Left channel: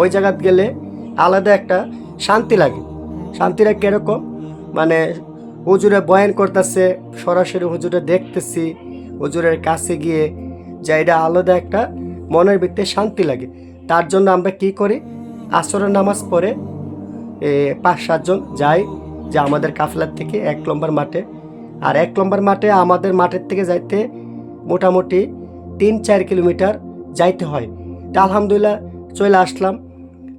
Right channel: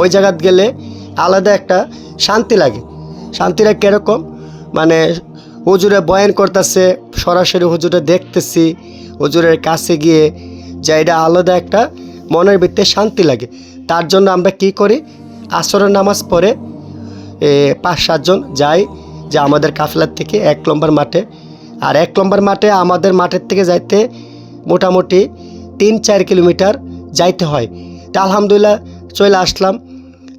ওই জায়গাত গেলে আলাদা একটা শান্তি লাগে। শান্তিটা কীরকম, মানে হুজুরে বয়ান করতেছে, সরাসরি হুজুরে দেখতেছি, হুজুরের কাছে গিয়ে যা এটা আলাদা একটা মনের ভিতরে শান্তি লাগে। তার জন্য আমরা কি করি, আসরের নামাজ পড়ে 5-7 জন যাই, যে আমাদের কাফেলার থেকে 1 নম্বর মাঠে। আর 1 নম্বর মাঠে আমাদের মাঠের থেকে যাইতে মোটামুটি 3-4 কিলোমিটার যাইতে হয়। তা আলহামদুলিল্লাহ চলে আসলাম,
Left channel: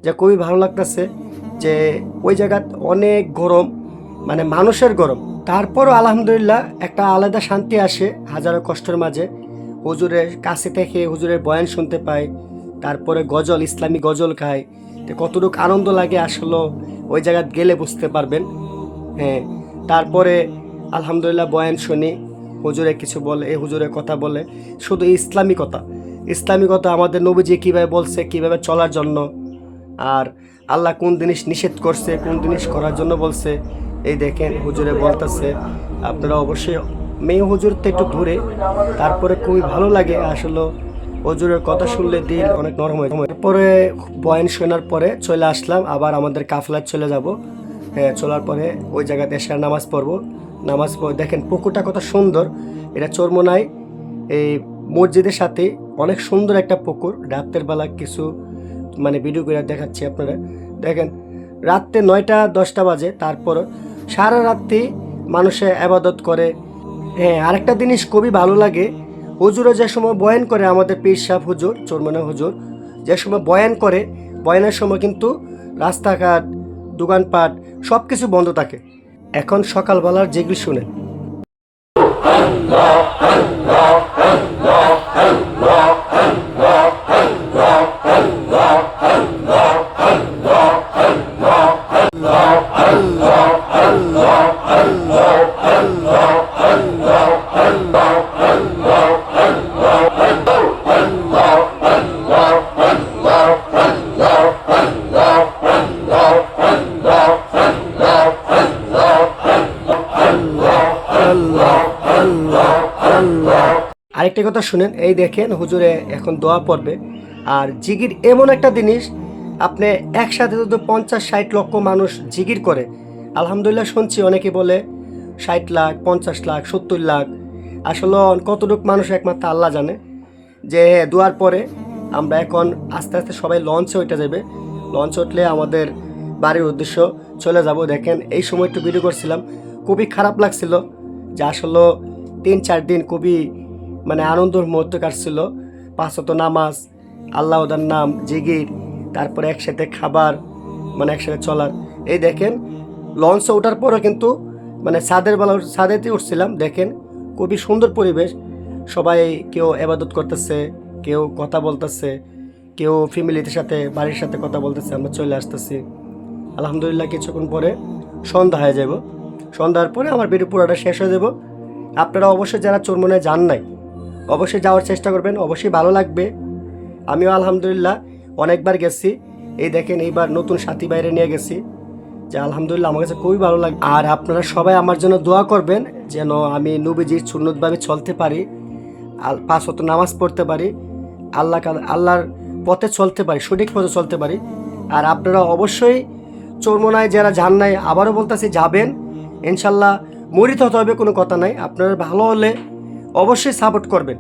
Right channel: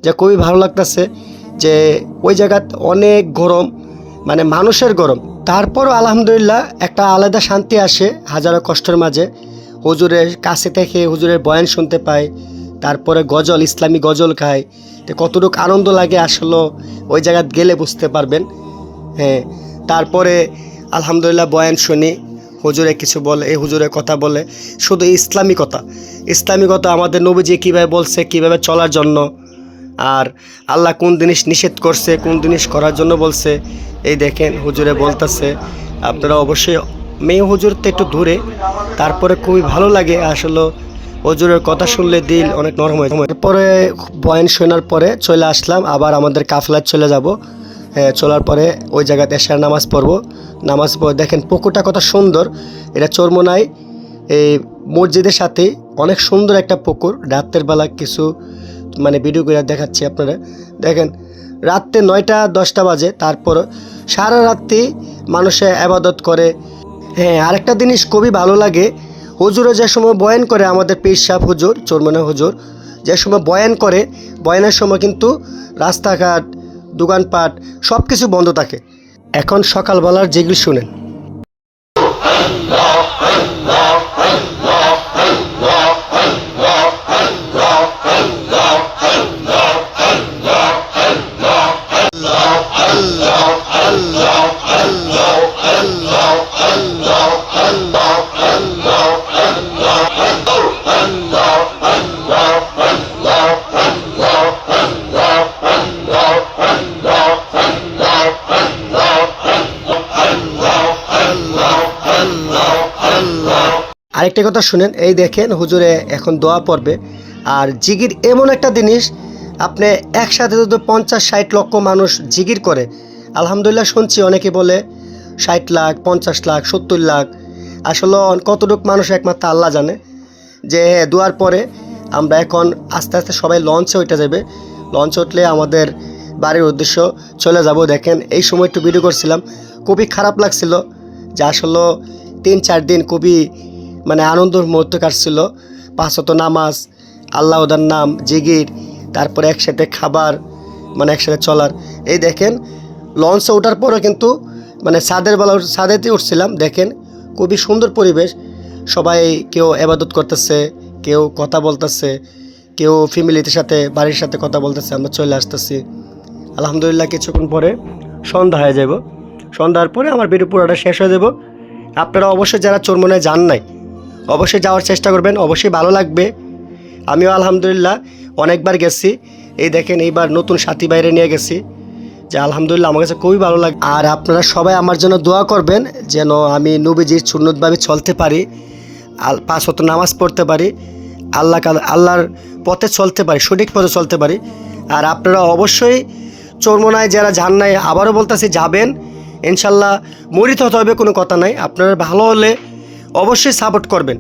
যে খুবই ভালো লাগতেছে যে ওই জায়গাত অনেক গরম, মানে মানুষের গরম, তারপরও আলহামদুলিল্লাহ একটা আলাদা শান্তি আসে হাজারো কষ্টের মাঝে। হুজুরের কাছে থেকে হুজুরের বয়ান শুনতে পাই, তারপরে গজল, ইসলামী গজল খাই। তো কতটুকু আনন্দ লাগে আসলে ওই জায়গায় গেলে বুঝতে পারবেন। হ্যাঁ, তারপরে আলহামদুলিল্লাহ বয়ান শুনি, হুজুরে কিছু বলে, এই হুজুরের কথা বলে, শুধু ইসলামী কথা, ইসলামী কথা, আমাদের নবীজি কীভাবে বলছে, কীভাবে চলার জন্য, আর আল্লাহ কোন জিনিস নিষেধ করছে, কোন জিনিস করার জন্য বলছে, এই দেখেন হুজুরে বলতেছে। আপনারা অবশ্যই, মেয়ে হুজুর তো একটু দূরে, তারপরে খুবই ভালো লাগে আসলে হুজুরের কথা শুনলে দিল অনেক নরম হয়। তারপরে বয়ান শোনার পরে চলে আসলাম, আবার আমাদের কাফেলায় চলে যাব। চলার পরে ওই জায়গাতে এশার নামাজ পড়বো। নামাজ পড়ে দেখেন পুকুরটা কত সুন্দর, এটা চরমোনাই এই মসজিদের সাথে অনেক সুন্দর একটা পুকুর। রাতের বেলা কিছু মানে ভিডিও করে দেখাচ্ছি আপনারা, দেখেন রাত্রে 9টা-10টা বাজে, তারপর সারা রাত্রি মানুষে আবাদত করে। হ্যাঁ, আরেকটা জিনিস খুবই ভালো লাগে, হুজুরে যে সময় বয়ান করে, আমাদের পীর সাহেব হুজুর, চরমোনা হুজুর যে সময় বয়ান করে, বয়ানের সময় কিন্তু রাস্তাঘাট, দোকানপাট সব কিছু বন্ধ থাকে। এখন সকালবেলার যেগুলি শুনেন। আরেকটা কথা শুনেন, এই দেখেন হুজুরে এখন দোয়া পড়বে। আর জিগির এমন একটা জিনিস, আপনি একসাথে যদি 50-60 লক্ষ মানুষ জিগির করে, আলহামদুলিল্লাহ শুনছি অনেকে বলে 60 লাখ, 50 লাখ, 70 লাখ, আসলে কতটুক মানুষ একমাত্র আল্লাহ জানে। যে দোয়ার পরে আমরা এখন আস্তে আস্তে সবাই লঞ্চে উঠে যাবে, লঞ্চ উঠলে আমাদের বাড়ির উদ্দেশ্য চলে যাব। দেখেন এই সময় একটু ভিডিও করছিলাম, খুবই খারাপ লাগছিল যে আসলে 3-4 দিন খুবই মানে আনন্দের মুহূর্ত কাটছিল। 5 ওয়াক্ত নামাজ, আল্লাহর নাম, জিগির, তারপরে একসাথে খাবার, মানে একসাথে চলার। এই দেখেন লঞ্চে ওঠার পরও কিন্তু মানে ছাদেতে উঠছিলাম, দেখেন খুবই সুন্দর পরিবেশ। সবাই কেউ ইবাদত করতেছে, কেউ কথা বলতেছে, কেউ ফ্যামিলির সাথে, বাড়ির সাথে কথা বলতেছে। আমরা চলে আসতেছি আলহামদুলিল্লাহ। কিছুক্ষণ পরে সন্ধ্যা হয়ে যাব, সন্ধ্যার পরে আমার ভিডিও পুরোটা শেষ হয়ে যাব। আপনারা অবশ্যই যারা চরমোনায় যান নাই, অবশ্যই যাওয়ার চেষ্টা করবেন, অবশ্যই ভালো লাগবে। আমিও আলহামদুলিল্লাহ অনেকবার গেছি। এই দেখেন এইবার নতুন সাথী বাইরে নিয়ে গেছি, যে আলহামদুলিল্লাহ আমার কাছে খুবই ভালো লাগে। আর আপনারা সবাই আমার জন্য দোয়া করবেন যেন আমি নবীজির সুন্নতভাবে চলতে পারি, 5 ওয়াক্ত নামাজ পড়তে পারি, আল্লাহর পথে চলতে পারি, সঠিক পথে চলতে পারি। আর আপনারা অবশ্যই চরমোনায় যারা যান নাই, আবারও বলতেছি যাবেন ইনশাল্লাহ। মরিতে হতে হবে কোনো কথা নাই, আপনারা ভালো হলে অবশ্যই সাপোর্ট করবেন।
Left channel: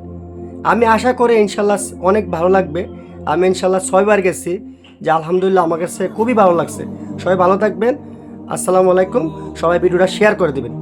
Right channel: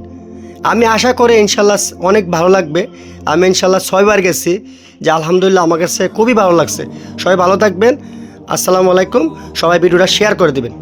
আমি আশা করি ইনশাল্লাহ অনেক ভালো লাগবে। আমি ইনশাল্লাহ 6 বার গেছি, যে আলহামদুলিল্লাহ আমার কাছে খুবই ভালো লাগছে। সবাই ভালো থাকবেন, আসসালামু আলাইকুম। সবাই ভিডিওটা শেয়ার করে দেবেন।